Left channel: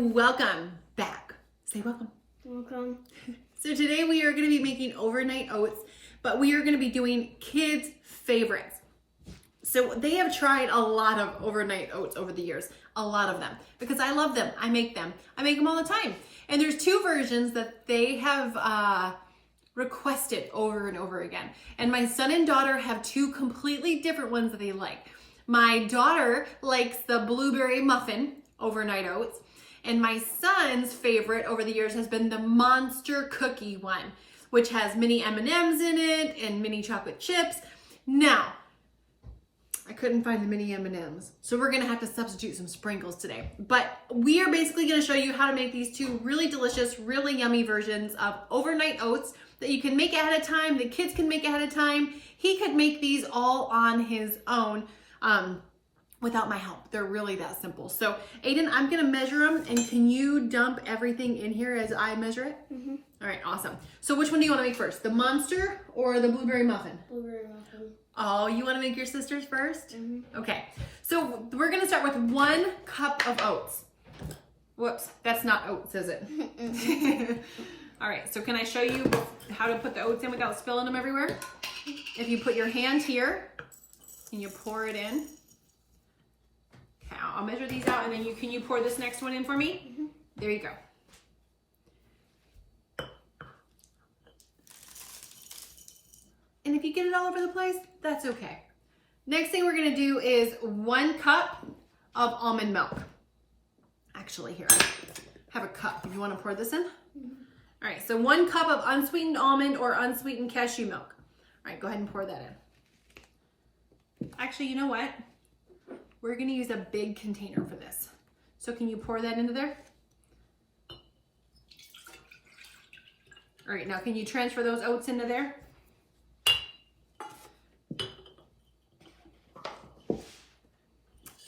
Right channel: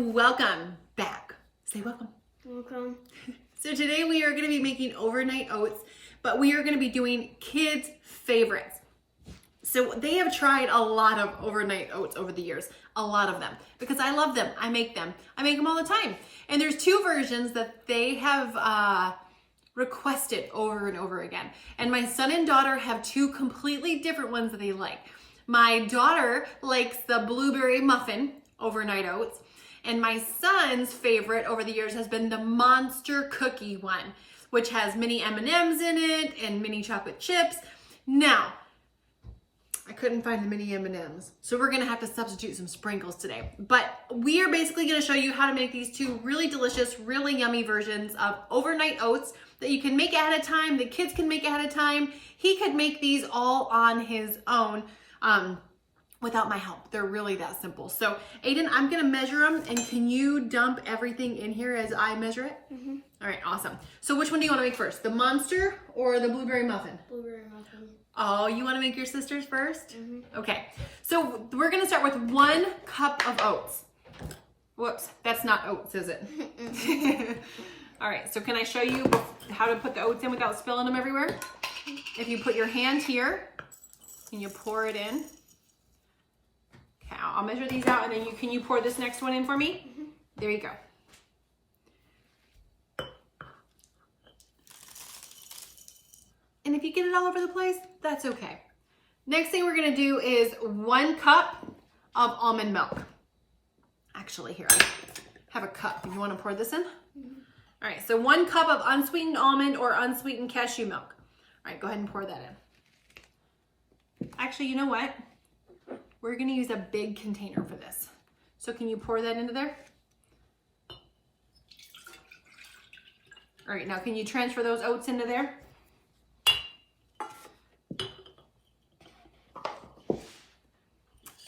and welcome back. Say welcome. Welcome. So today we are going to be making overnight oats, but we are going to be doing kids' favorites. So they have tried a lot of overnight oats over the years, a lot of them, because I love them. I make them all the time. And there's two versions that they have requested over and over again. And my son and daughter have two completely different ones that they like. My daughter likes the blueberry muffin overnight oats, and my son's favorite over the years has been the monster cookie one, which has mini M&Ms in it and mini chocolate chips. Now, I couldn't find the mini M&Ms, so we're gonna have to substitute some sprinkles today. But we are basically gonna show you how to make these two really delicious, really yummy versions of overnight oats that you can make ahead of time, the kids can make ahead of time. He could make these all on his own without my help. They're really that simple. So Aiden, I'm gonna measure them, and can you dump everything in here as I measure it? Mm-hmm. All right, awesome. So which one do you wanna make first? The monster or the blueberry muffin? Blueberry muffin. Oh, you wanna make your sister's first? Mm-hmm. Okay, so we're gonna start with 1 cup of oats. Whoops, that's not oats, is it? All right, so can I show you how to put the oats in without spilling them everywhere? If you put your hand here and you pour it in. Okay, I'll measure these out, and then can you pour this next one in for me? Mm-hmm. There you go. And if you get it all over the place, that's okay. Next thing we're gonna do is 1 cup of almond milk. Actually, here, I have a cup. You wanna pour this in? Mm-hmm. All right, so 1 cup of unsweetened almond or unsweetened cashew milk. All right, go ahead and pour that in. Actually, you know what? We're gonna use a big container for this. So can you pour that into there? All right, now can you transfer those oats into there?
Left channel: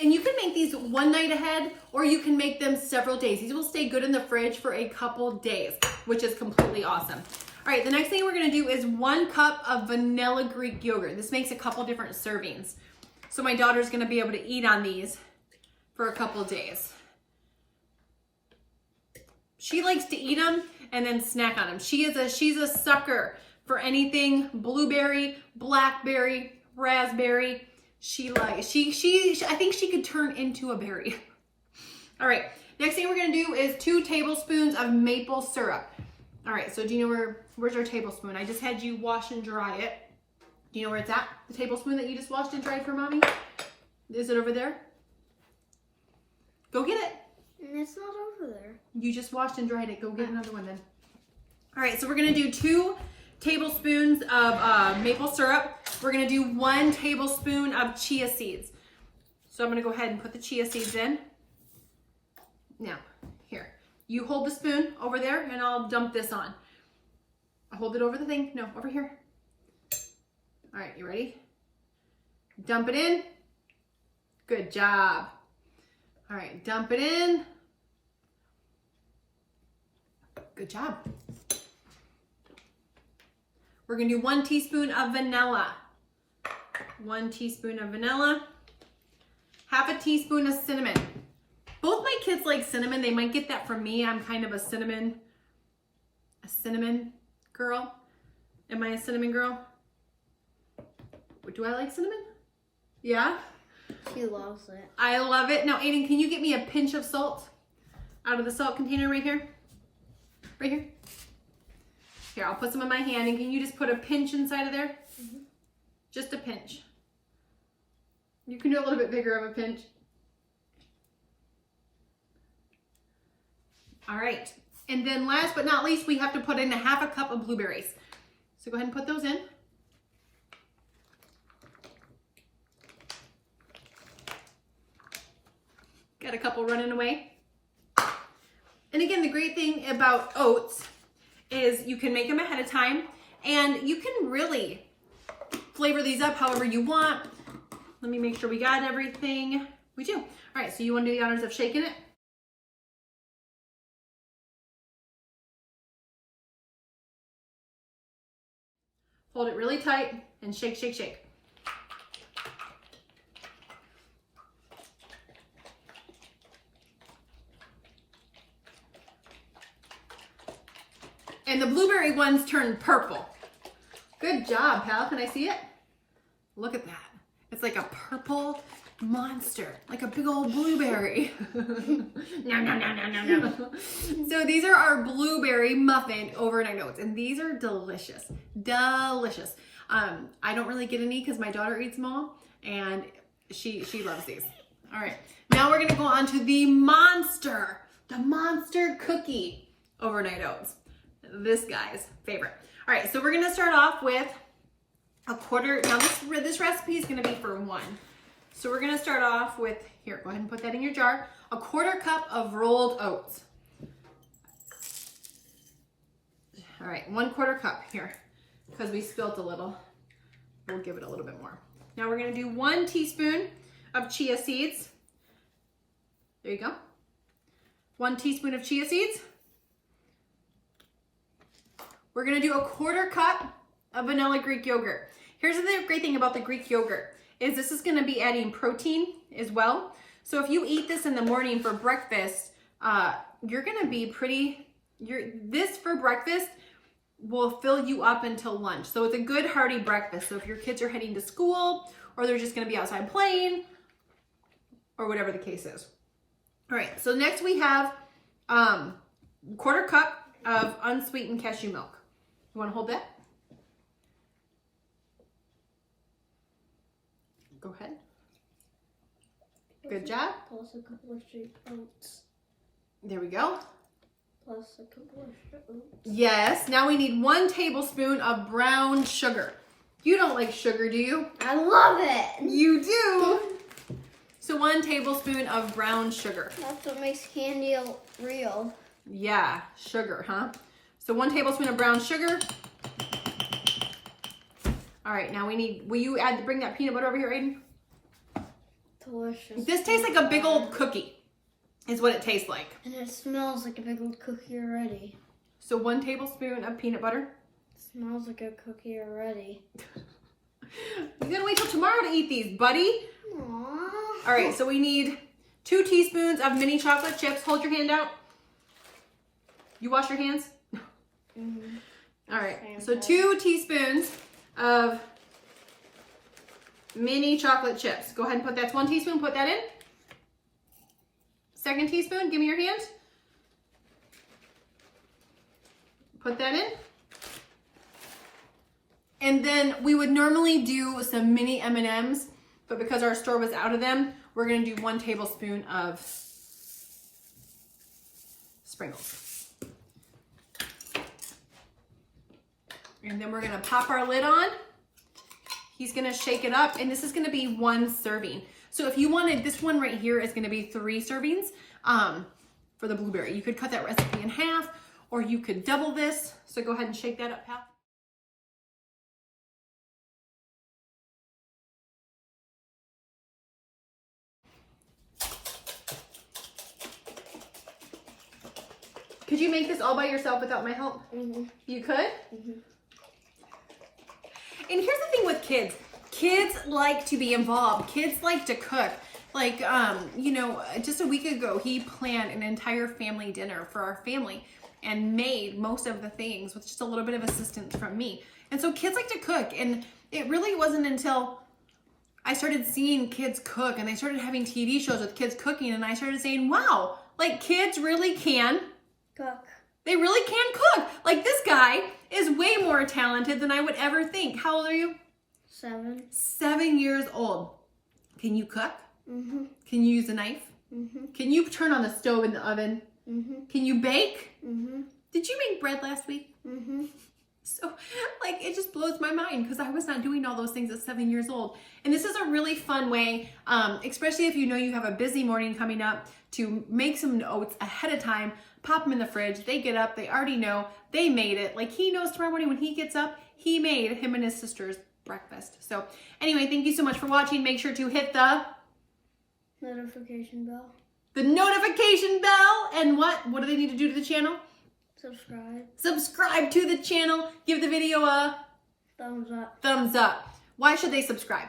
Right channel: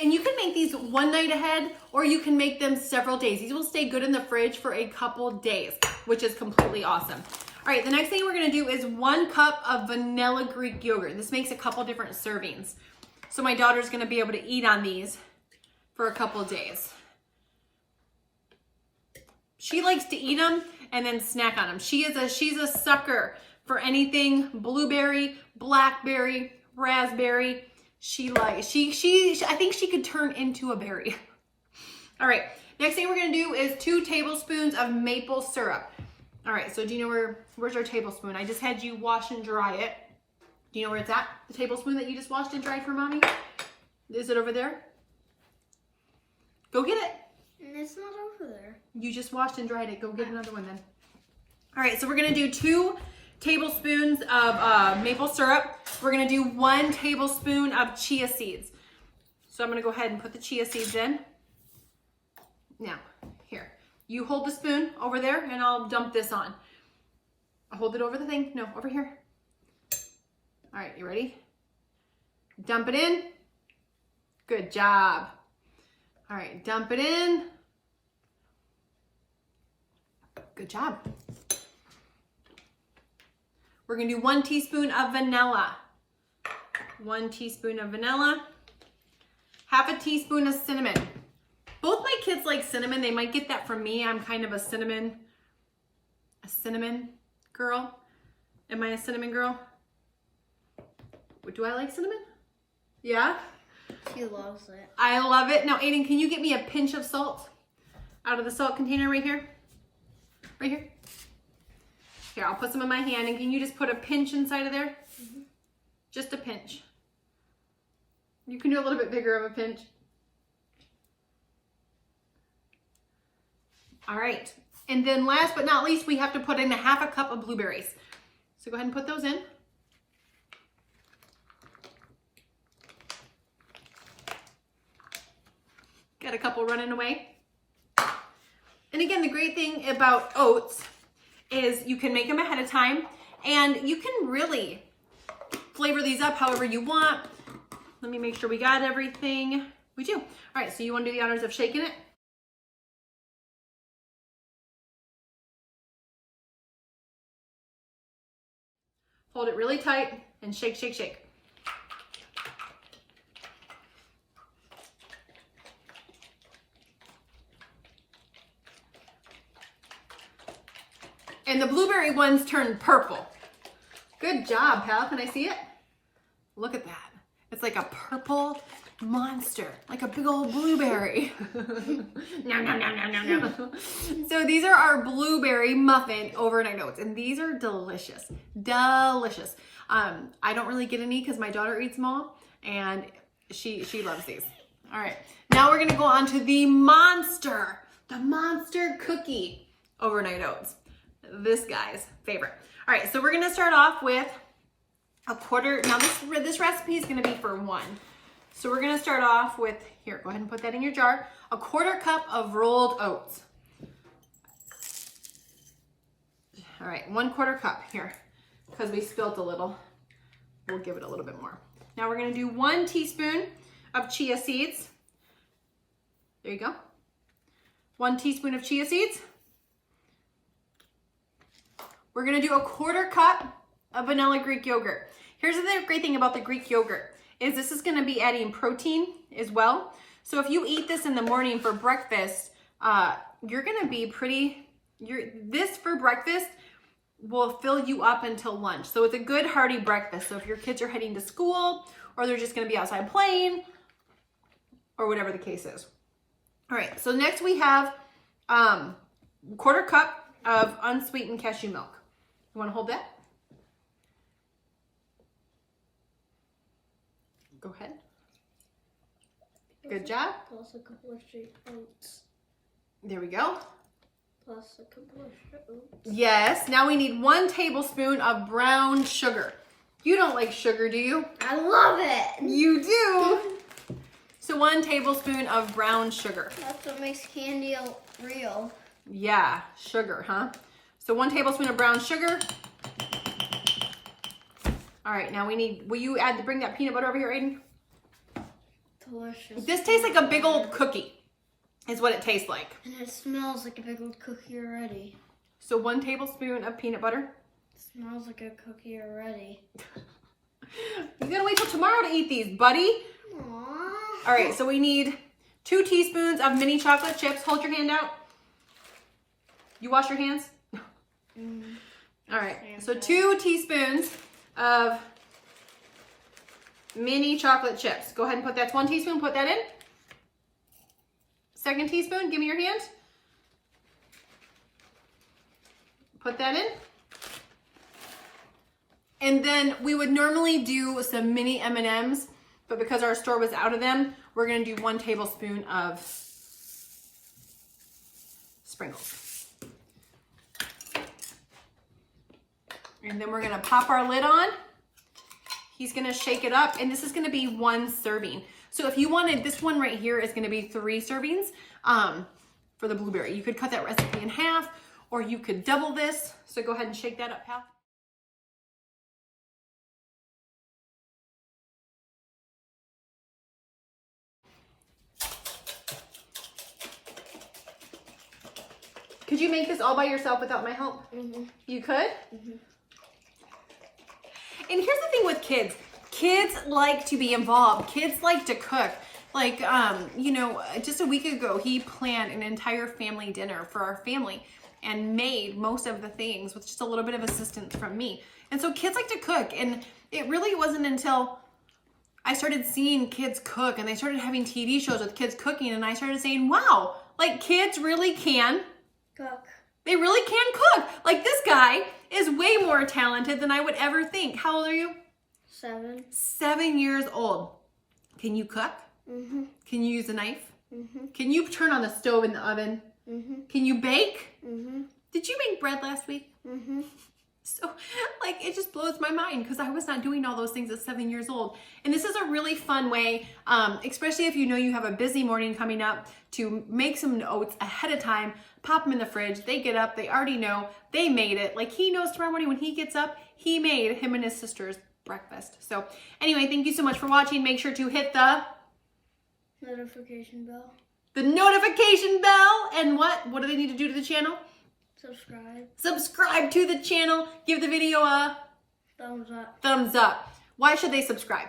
And you can make these one night ahead, or you can make them several days. These will stay good in the fridge for a couple days, which is completely awesome. All right, the next thing we're gonna do is 1 cup of vanilla Greek yogurt. This makes a couple different servings. So my daughter's gonna be able to eat on these for a couple days. She likes to eat them and then snack on them. She's a sucker for anything blueberry, blackberry, raspberry. I think she could turn into a berry. All right, next thing we're gonna do is 2 tablespoons of maple syrup. All right, so do you know where's our tablespoon? I just had you wash and dry it. Do you know where it's at? The tablespoon that you just washed and dried for mommy? Is it over there? Go get it. It's not over there. You just washed and dried it. Go get another one then. All right, so we're gonna do 2 tablespoons of maple syrup. We're gonna do 1 tablespoon of chia seeds. So I'm gonna go ahead and put the chia seeds in. Now, here, you hold the spoon over there and I'll dump this on. I'll hold it over the thing. No, over here. All right, you ready? Dump it in. Good job. All right, dump it in. Good job. We're gonna do 1 teaspoon of vanilla. 1 teaspoon of vanilla. 1/2 teaspoon of cinnamon. Both my kids like cinnamon. They might get that from me. I'm kind of a cinnamon girl. Am I a cinnamon girl? Do I like cinnamon? Yeah? She loves it. I love it. Now, Aiden, can you get me a pinch of salt out of the salt container right here? Right here? Here, I'll put some in my hand, and can you just put a pinch inside of there? Mm-hmm. Just a pinch. You can do a little bit bigger of a pinch. All right. And then last but not least, we have to put in 1/2 cup of blueberries. So go ahead and put those in. Got a couple running away. And again, the great thing about oats is you can make them ahead of time, and you can really flavor these up however you want. Let me make sure we got everything. We do. All right, so you want to do the honors of shaking it? Hold it really tight and shake, shake, shake. And the blueberry ones turn purple. Good job, pal. Can I see it? Look at that. It's like a purple monster, like a big old blueberry. Nom, nom, nom, nom, nom, nom. So these are our blueberry muffin overnight oats, and these are delicious, delicious. I don't really get any because my daughter eats them all, and she loves these. All right, now we're gonna go on to the monster cookie overnight oats. This guy's favorite. All right, so we're gonna start off with a quarter. Now this recipe is gonna be for one. So we're gonna start off with, here, go ahead and put that in your jar, a quarter cup of rolled oats. All right, 1/4 cup here, because we spilt a little. We'll give it a little bit more. Now we're gonna do 1 teaspoon of chia seeds. There you go. 1 teaspoon of chia seeds. We're gonna do a 1/4 cup of vanilla Greek yogurt. Here's the great thing about the Greek yogurt, is this is gonna be adding protein as well. So if you eat this in the morning for breakfast, you're gonna be this for breakfast will fill you up until lunch. So it's a good hearty breakfast. So if your kids are heading to school, or they're just gonna be outside playing, or whatever the case is. All right, so next we have 1/4 cup of unsweetened cashew milk. You wanna hold that? Go ahead. Good job. Plus a couple of straight oats. There we go. Plus a couple of straight oats. Yes, now we need 1 tablespoon of brown sugar. You don't like sugar, do you? I love it. You do. So 1 tablespoon of brown sugar. That's what makes candy real. Yeah, sugar, huh? So 1 tablespoon of brown sugar. All right, now we need, will you bring that peanut butter over here, Aiden? Delicious. This tastes like a big old cookie, is what it tastes like. And it smells like a big old cookie already. So 1 tablespoon of peanut butter. It smells like a cookie already. You gotta wait till tomorrow to eat these, buddy. Aww. All right, so we need 2 teaspoons of mini chocolate chips. Hold your hand out. You wash your hands? Mm-hmm. All right, so 2 teaspoons of mini chocolate chips. Go ahead and put that's 1 teaspoon, put that in. 2nd teaspoon, give me your hand. Put that in. And then we would normally do some mini M&Ms, but because our store was out of them, we're gonna do 1 tablespoon of sprinkles. And then we're gonna pop our lid on. He's gonna shake it up, and this is gonna be 1 serving. So if you wanted, this one right here is gonna be 3 servings for the blueberry. You could cut that recipe in half, or you could double this. So go ahead and shake that up, pal. Could you make this all by yourself without my help? Mm-hmm. You could? Mm-hmm. And here's the thing with kids. Kids like to be involved. Kids like to cook. Like, you know, just a week ago, he planned an entire family dinner for our family and made most of the things with just a little bit of assistance from me. And so kids like to cook. And it really wasn't until I started seeing kids cook and they started having TV shows with kids cooking, and I started saying, wow, like kids really can Cook. They really can cook. Like this guy is way more talented than I would ever think. How old are you? 7. 7 years old. Can you cook? Mm-hmm. Can you use a knife? Mm-hmm. Can you turn on the stove in the oven? Mm-hmm. Can you bake? Mm-hmm. Did you make bread last week? Mm-hmm. So, like, it just blows my mind because I was not doing all those things at 7 years old. And this is a really fun way, especially if you know you have a busy morning coming up, to make some oats ahead of time, pop them in the fridge. They get up, they already know, they made it. Like, he knows tomorrow morning when he gets up, he made him and his sister's breakfast. So, anyway, thank you so much for watching. Make sure to hit the notification bell. The notification bell. And what do they need to do to the channel? Subscribe. Subscribe to the channel. Give the video a thumbs up. Thumbs up. Why should they subscribe?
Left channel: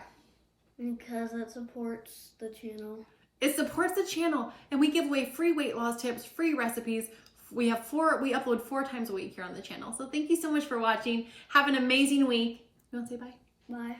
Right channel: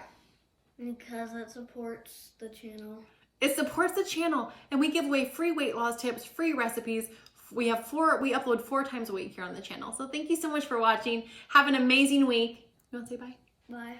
Because it supports the channel. It supports the channel, and we give away free weight loss tips, free recipes, We upload 4 times a week here on the channel. So thank you so much for watching. Have an amazing week. You want to say bye? Bye.